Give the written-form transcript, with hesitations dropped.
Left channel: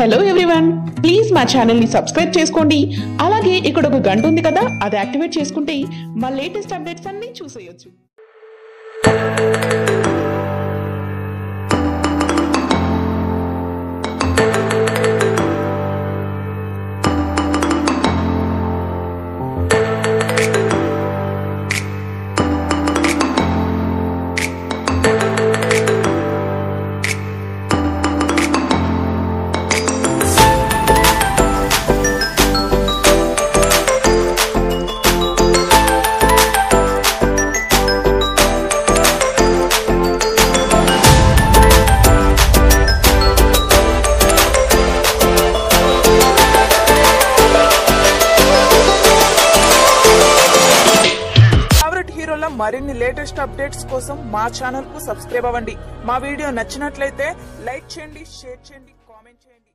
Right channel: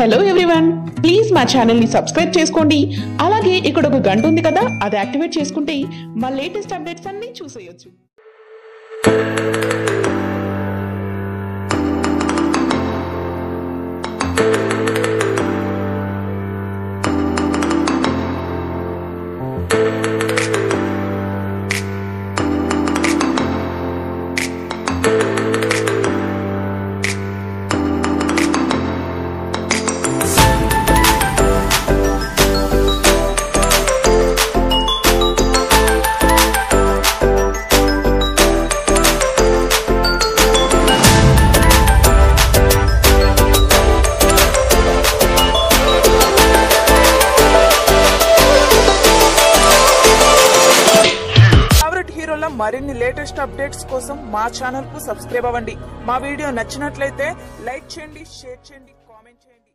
Hello everyone, please మా channel ని subscribe చేసుకోండి. అలాగే ఇక్కడ ఒక గంట ఉంది కదా, అది యాక్టివేట్ చేసుకుంటే మా లేటెస్ట్ అప్డేట్స్ అన్ని చూసేయొచ్చు. మరిన్ని లేటెస్ట్ అప్డేట్స్ కోసం మా ఛానల్ కు సబ్స్క్రైబ్ అవ్వండి. మా వీడియో నచ్చినట్లయితే లైక్ చేయండి, షేర్ చేయండి, కామెంట్ చేయండి.